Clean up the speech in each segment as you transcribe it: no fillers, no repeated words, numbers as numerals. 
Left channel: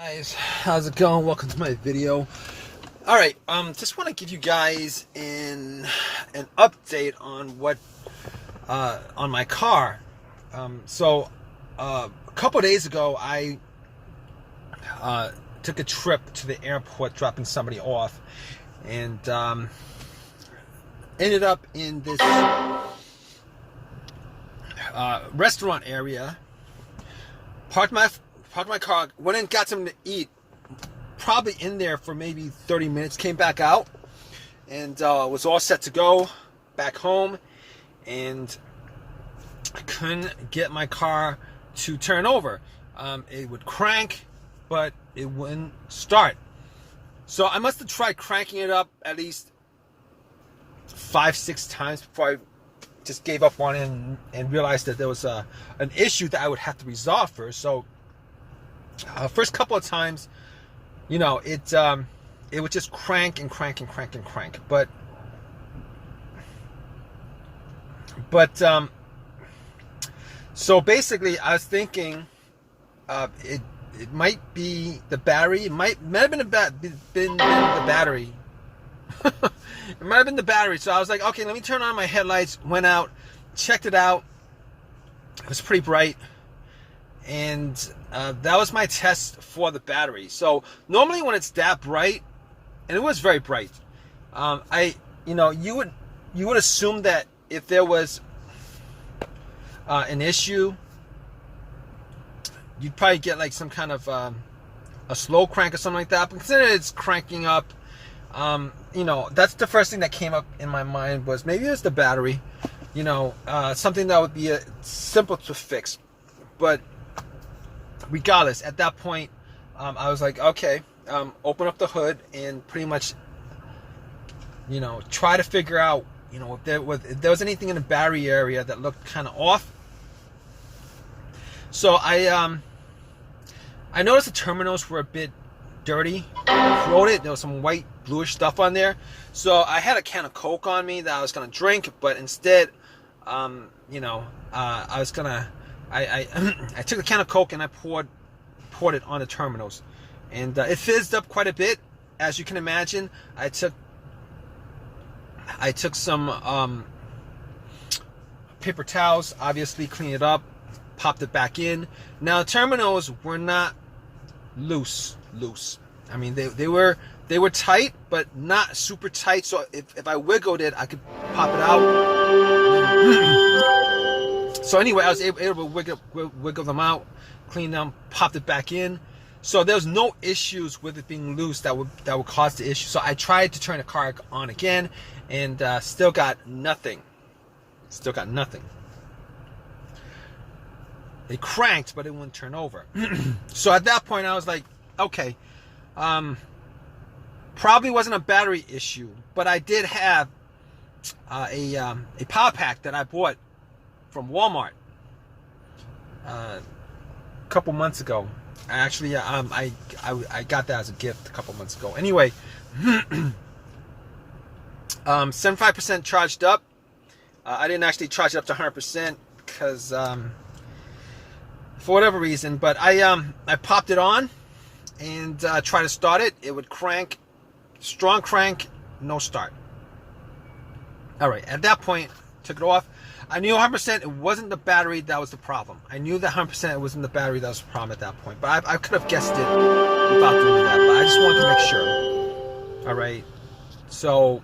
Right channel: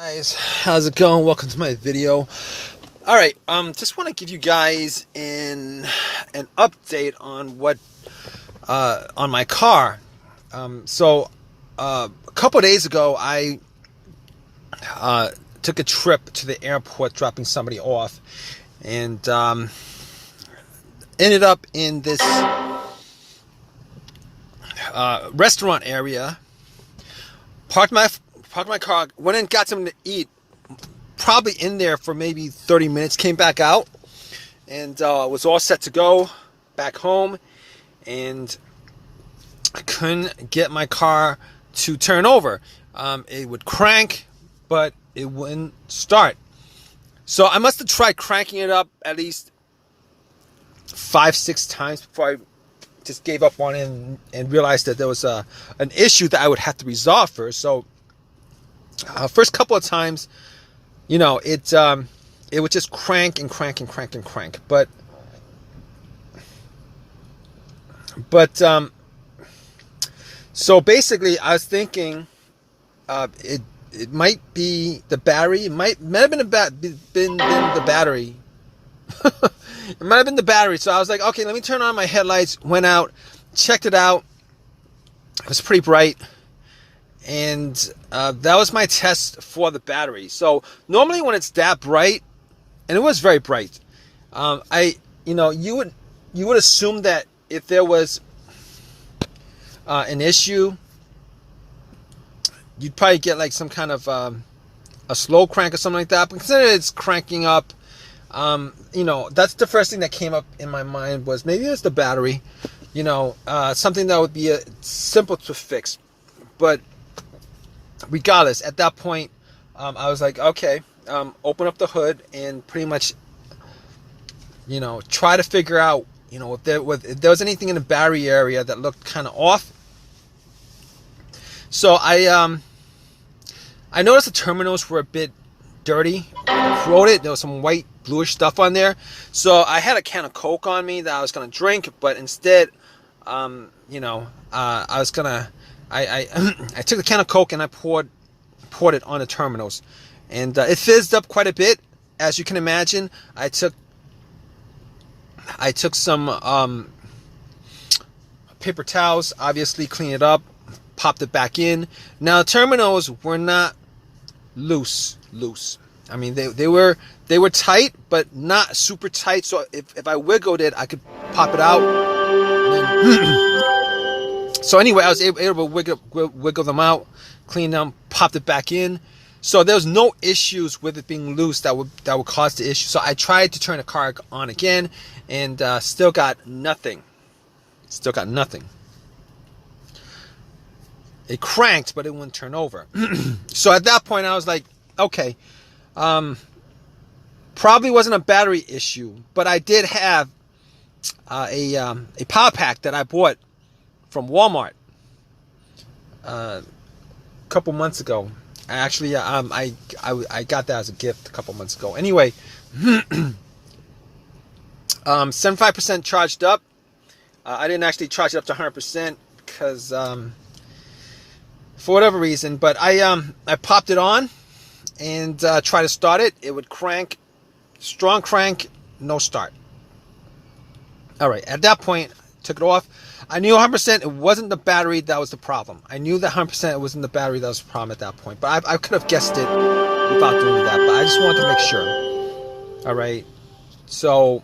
Guys, how's it going? Welcome to my video. All right, just want to give you guys an update on what on my car. A couple of days ago, I took a trip to the airport, dropping somebody off, and ended up in this restaurant area. Parked my car, went and got something to eat, probably in there for maybe 30 minutes, came back out, and was all set to go back home, and I couldn't get my car to turn over. It would crank, but it wouldn't start. So I must have tried cranking it up at least 5-6 times before I just gave up on it and realized that there was an issue that I would have to resolve first. So first couple of times, you know, it would just crank and crank and crank and crank. But so basically, I was thinking it might be the battery. It might have been the battery. It might have been the battery. So I was like, okay, let me turn on my headlights. Went out, checked it out. It was pretty bright. And that was my test for the battery. So normally when it's that bright, and it was very bright, you would assume that if there was an issue, you'd probably get like some kind of a slow crank or something like that. But considering it's cranking up, that's the first thing that came up in my mind was maybe it's the battery. Something that would be simple to fix. But regardless, at that point, I was like, okay, open up the hood and pretty much, try to figure out, if there was anything in the battery area that looked kind of off. So I noticed the terminals were a bit dirty, corroded. There was some white, bluish stuff on there. So I had a can of Coke on me that I was gonna drink, but instead, I was gonna. I took a can of Coke and I poured it on the terminals, and it fizzed up quite a bit, as you can imagine. I took some paper towels, obviously cleaned it up, popped it back in. Now the terminals were not loose. I mean, they were tight, but not super tight. So if I wiggled it, I could pop it out. So anyway, I was able to wiggle them out, clean them, popped it back in. So there was no issues with it being loose that would cause the issue. So I tried to turn the car on again, and still got nothing. It cranked, but it wouldn't turn over. So at that point, I was like, okay, probably wasn't a battery issue, but I did have a power pack that I bought from Walmart a couple months ago. Actually, I got that as a gift a couple months ago. Anyway, 75% charged up. I didn't actually charge it up to 100% because for whatever reason, but I popped it on and tried to start it. It would crank, strong crank, no start. All right, at that point, took it off. I knew 100% it wasn't the battery that was the problem. I knew that 100% it wasn't the battery that was the problem at that point. But I could have guessed it without doing that. But I just wanted to make sure. All right. So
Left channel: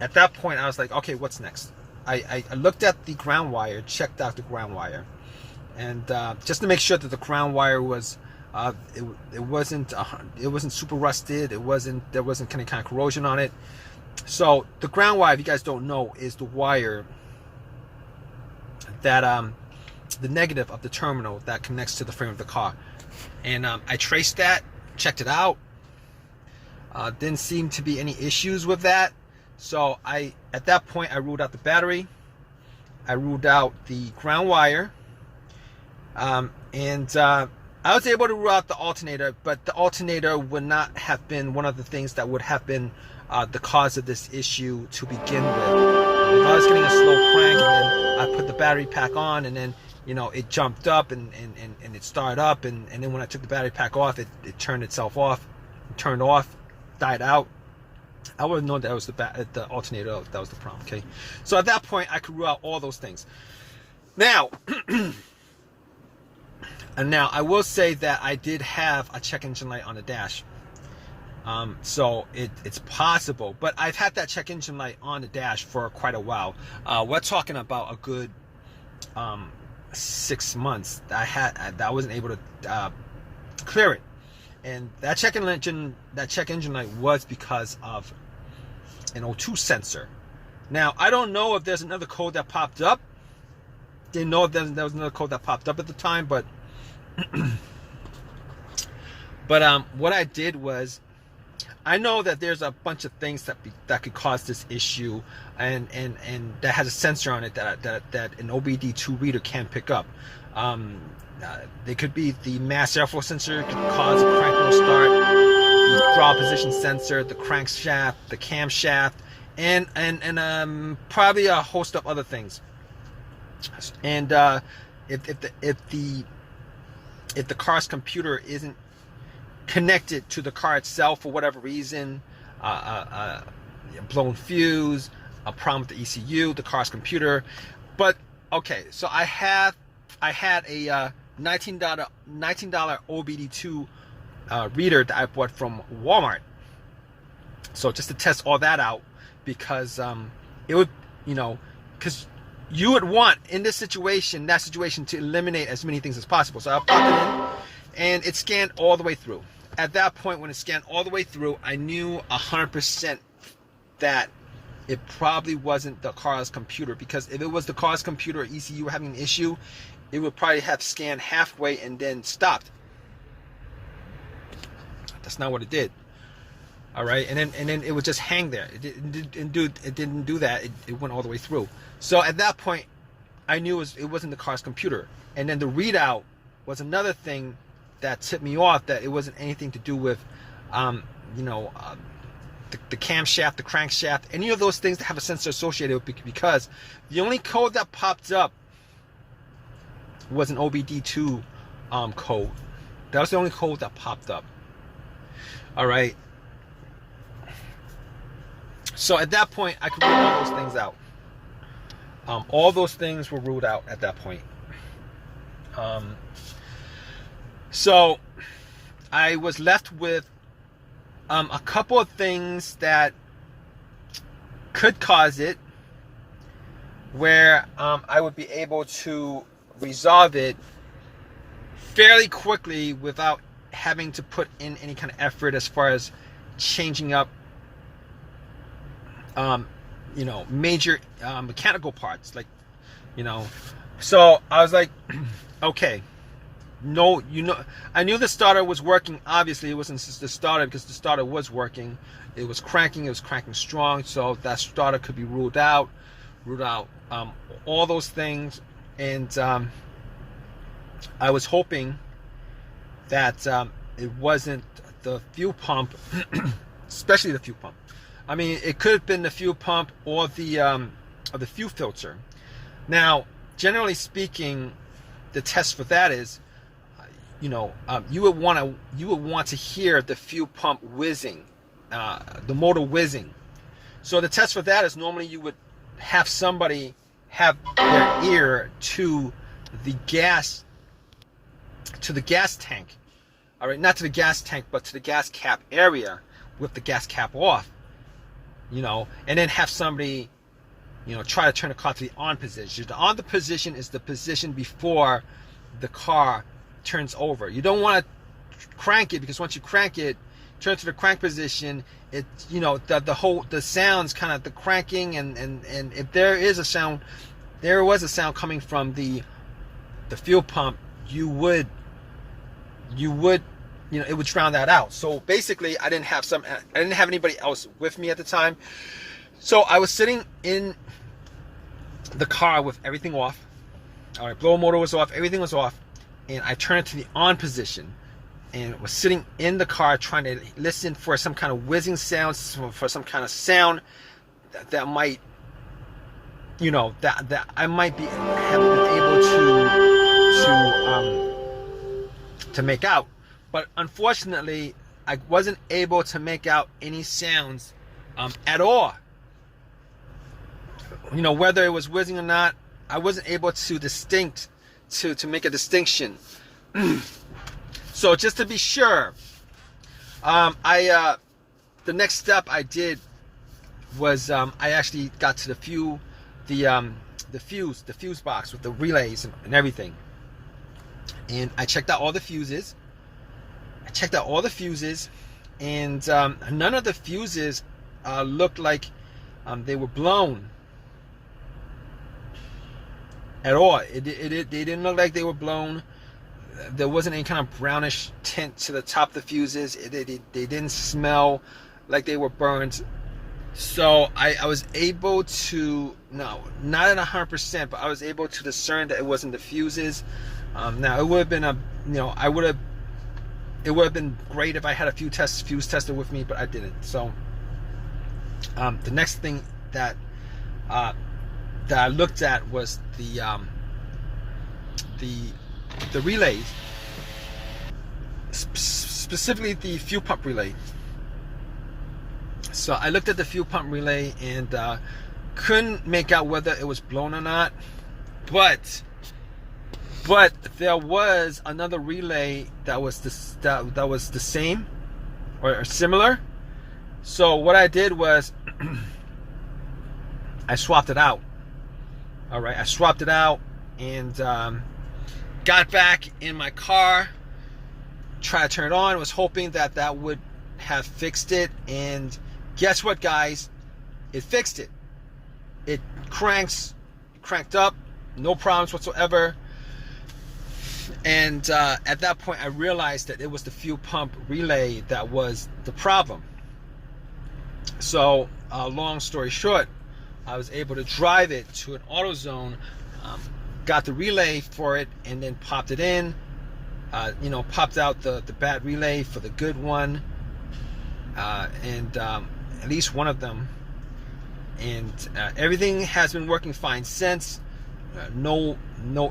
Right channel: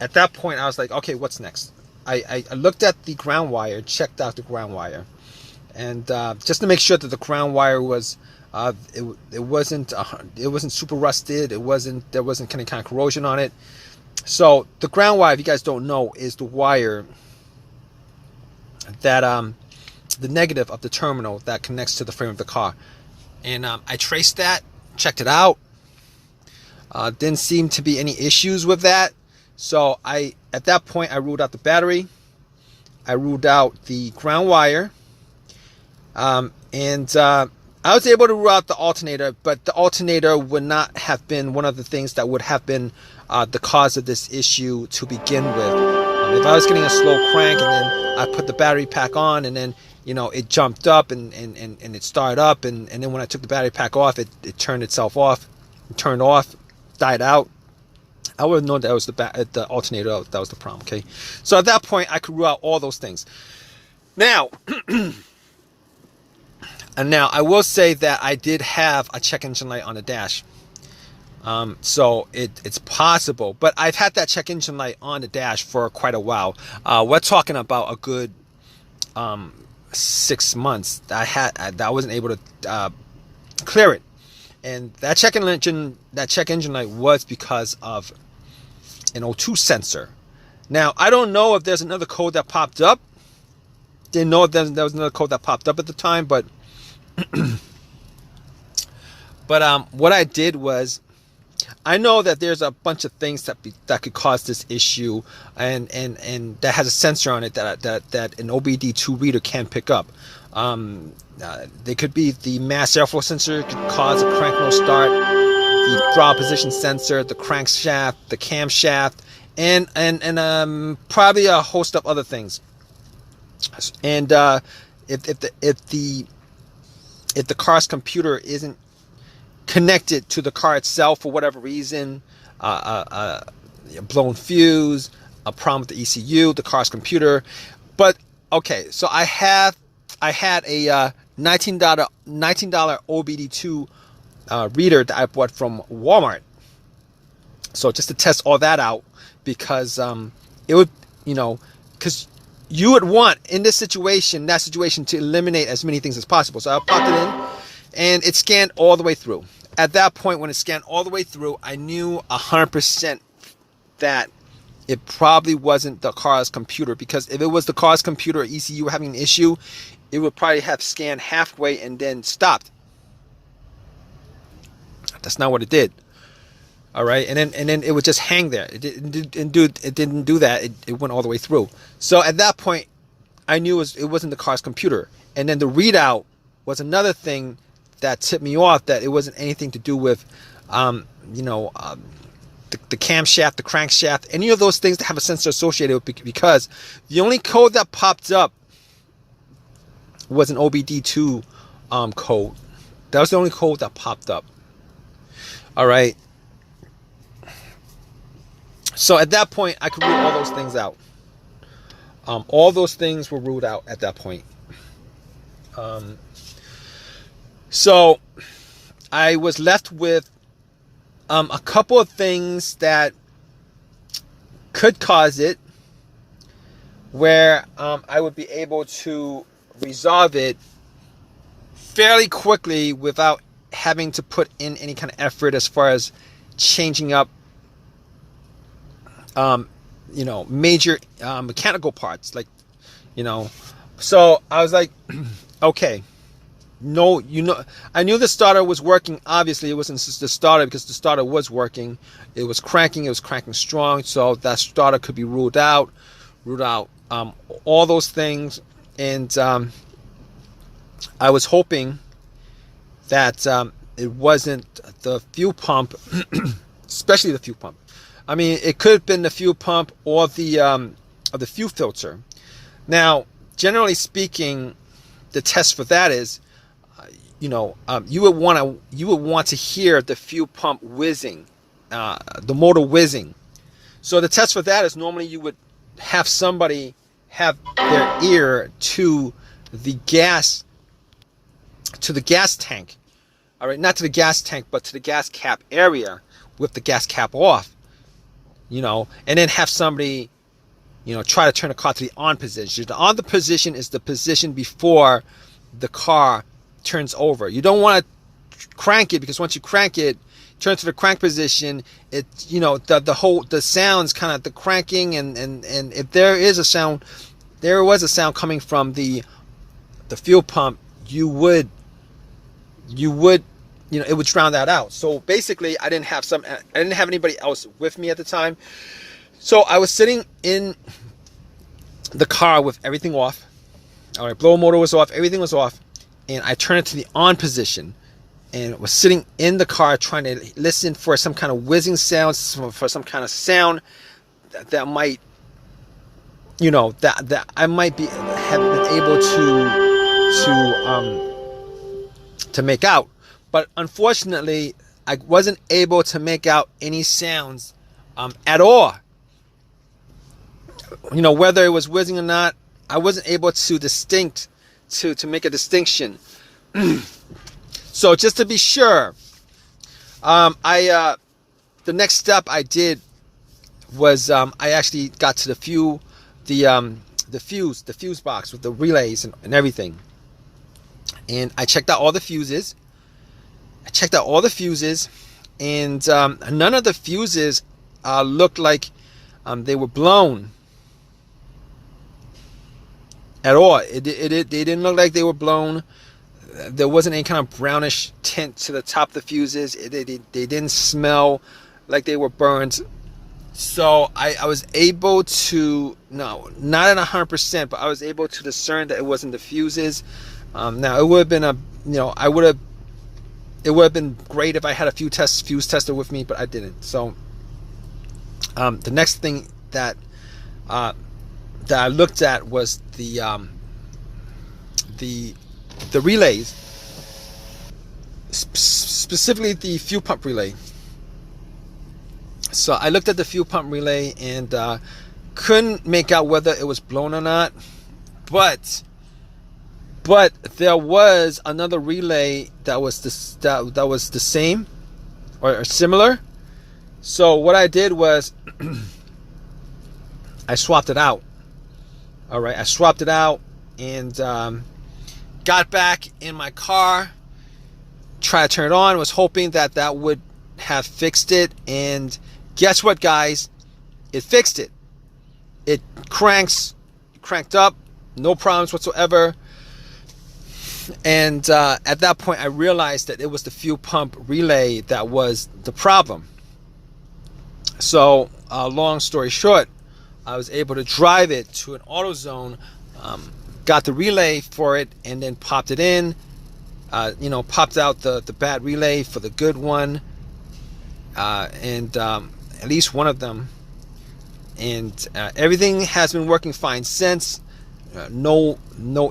at that point, I was like, okay, what's next? I looked at the ground wire, checked out the ground wire, and just to make sure that the ground wire was it wasn't super rusted. There wasn't any kind of corrosion on it. So the ground wire, if you guys don't know, is the wire that the negative of the terminal that connects to the frame of the car. And I traced that, checked it out. Didn't seem to be any issues with that. So at that point, I ruled out the battery. I ruled out the ground wire. And I was able to rule out the alternator, but the alternator would not have been one of the things that would have been the cause of this issue to begin with. If I was getting a slow crank and then I put the battery pack on and then, it jumped up and it started up, and then when I took the battery pack off, it turned itself off, turned off, died out. I would have known that was the alternator that was the problem. Okay, so at that point I could rule out all those things. Now, and now I will say that I did have a check engine light on the dash. So it's possible, but I've had that check engine light on the dash for quite a while. We're talking about a good 6 months. I wasn't able to clear it, and that check engine light was because of an O2 sensor. Now I don't know if there's another code that popped up. Didn't know if there was another code that popped up at the time, but what I did was, I know that there's a bunch of things that could cause this issue, and that has a sensor on it that an OBD2 reader can pick up. They could be the mass airflow sensor, could cause a crank no start, the throttle position sensor, the crankshaft, the camshaft, and probably a host of other things. And if the car's computer isn't connected to the car itself for whatever reason, a blown fuse, a problem with the ECU, the car's computer. But okay, so I had a $19 OBD2 reader that I bought from Walmart. So just to test all that out, because it would, because you would want in that situation to eliminate as many things as possible. So I popped it in, and it scanned all the way through. At that point, when it scanned all the way through, I knew 100% that it probably wasn't the car's computer, because if it was the car's computer or ECU having an issue, it would probably have scanned halfway and then stopped. That's not what it did. All right, and then it would just hang there. It didn't do that. It went all the way through. So at that point, I knew it wasn't the car's computer. And then the readout was another thing that tipped me off that it wasn't anything to do with, the camshaft, the crankshaft, any of those things that have a sensor associated with, because the only code that popped up was an OBD2 code. That was the only code that popped up. All right. So at that point, I could rule all those things out. All those things were ruled out at that point. So I was left with a couple of things that could cause it, where I would be able to resolve it fairly quickly without having to put in any kind of effort as far as changing up major mechanical parts, so I was like, okay, I knew the starter was working. Obviously it wasn't just the starter, because the starter was working. It was cranking strong, so that starter could be ruled out, all those things. And I was hoping that it wasn't the fuel pump, especially the fuel pump. I mean, it could have been the fuel pump or the fuel filter. Now, generally speaking, the test for that is, you would want to hear the fuel pump whizzing, the motor whizzing. So the test for that is, normally you would have somebody have their ear to the gas tank. All right, not to the gas tank, but to the gas cap area with the gas cap off. And then have somebody, try to turn the car to the on position. The on position is the position before the car turns over. You don't want to crank it, because once you crank it, turn to the crank position, it, the sounds, kind of the cranking, and if there was a sound coming from the fuel pump, it would drown that out. So basically, I didn't have anybody else with me at the time. So I was sitting in the car with everything off. All right, blower motor was off, everything was off, and I turned it to the on position, and was sitting in the car trying to listen for some kind of whizzing sounds, for some kind of sound that might you know, that I might be have been able to make out. But unfortunately, I wasn't able to make out any sounds at all. You know, whether it was whizzing or not, I wasn't able to make a distinction. So just to be sure, the next step I did was I actually got to the fuse box with the relays and everything, and I checked out all the fuses. And none of the fuses looked like they were blown at all. They didn't look like they were blown. There wasn't any kind of brownish tint to the top of the fuses. They didn't smell like they were burned. So I was able to, no, not at 100%, but I was able to discern that it wasn't the fuses. Now it would have been it would have been great if I had a fuse tester with me, but I didn't. So the next thing that I looked at was the relays, specifically the fuel pump relay. So I looked at the fuel pump relay and couldn't make out whether it was blown or not, but there was another relay that was the same or similar. So what I did was I swapped it out. All right, I swapped it out and got back in my car, tried to turn it on, was hoping that would have fixed it, and guess what, guys? It fixed it. It cranked up, no problems whatsoever. And at that point, I realized that it was the fuel pump relay that was the problem. So, long story short, I was able to drive it to an AutoZone, got the relay for it, and then popped it in. Popped out the bad relay for the good one, and at least one of them. And everything has been working fine since. No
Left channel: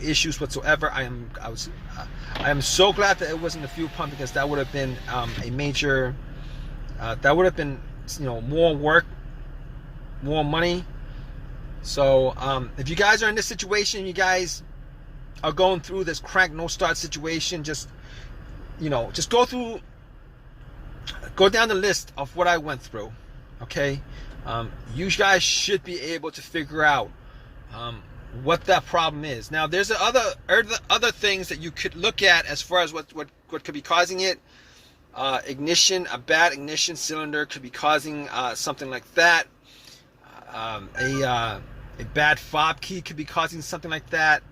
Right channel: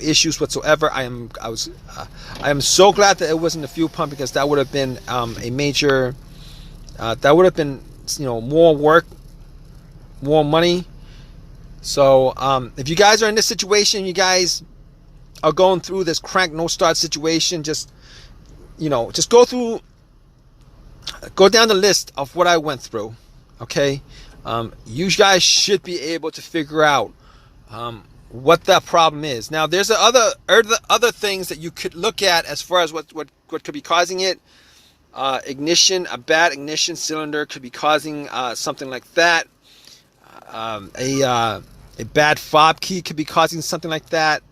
issues whatsoever. I am so glad that it wasn't the fuel pump, because that would have been a major. That would have been, more work, more money. So if you guys are in this situation, you guys are going through this crank no start situation, just go down the list of what I went through. Okay, you guys should be able to figure out what the problem is. Now, there's other things that you could look at as far as what could be causing it. Ignition, a bad ignition cylinder could be causing something like that. A bad fob key could be causing something like that.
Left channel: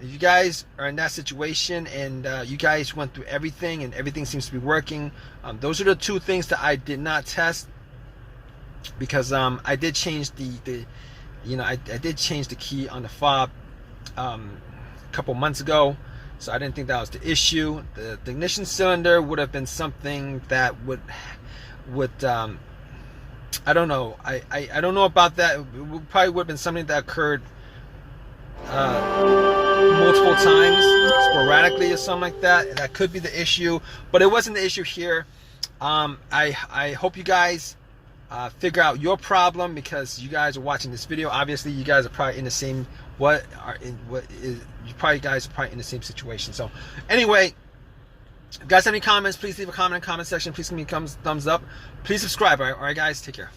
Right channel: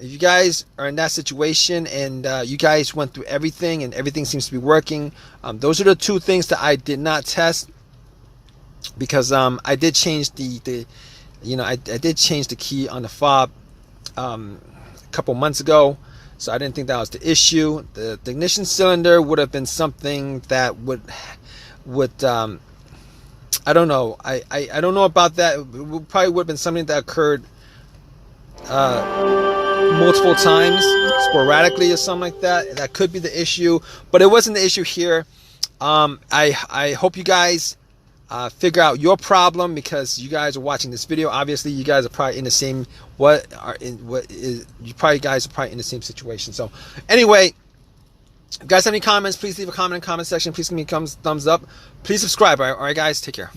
If you guys are in that situation and you guys went through everything and everything seems to be working, those are the two things that I did not test, because I did change I did change the key on the fob a couple months ago, so I didn't think that was the issue. The ignition cylinder would have been something that would I don't know. I don't know about that. It probably would have been something that occurred multiple times, sporadically or something like that. That could be the issue, but it wasn't the issue here. I hope you guys figure out your problem, because you guys are watching this video. Obviously, you guys are probably in the same guys are probably in the same situation. So anyway, if you guys have any comments, please leave a comment in the comment section. Please give me a thumbs up. Please subscribe. All right, guys, take care.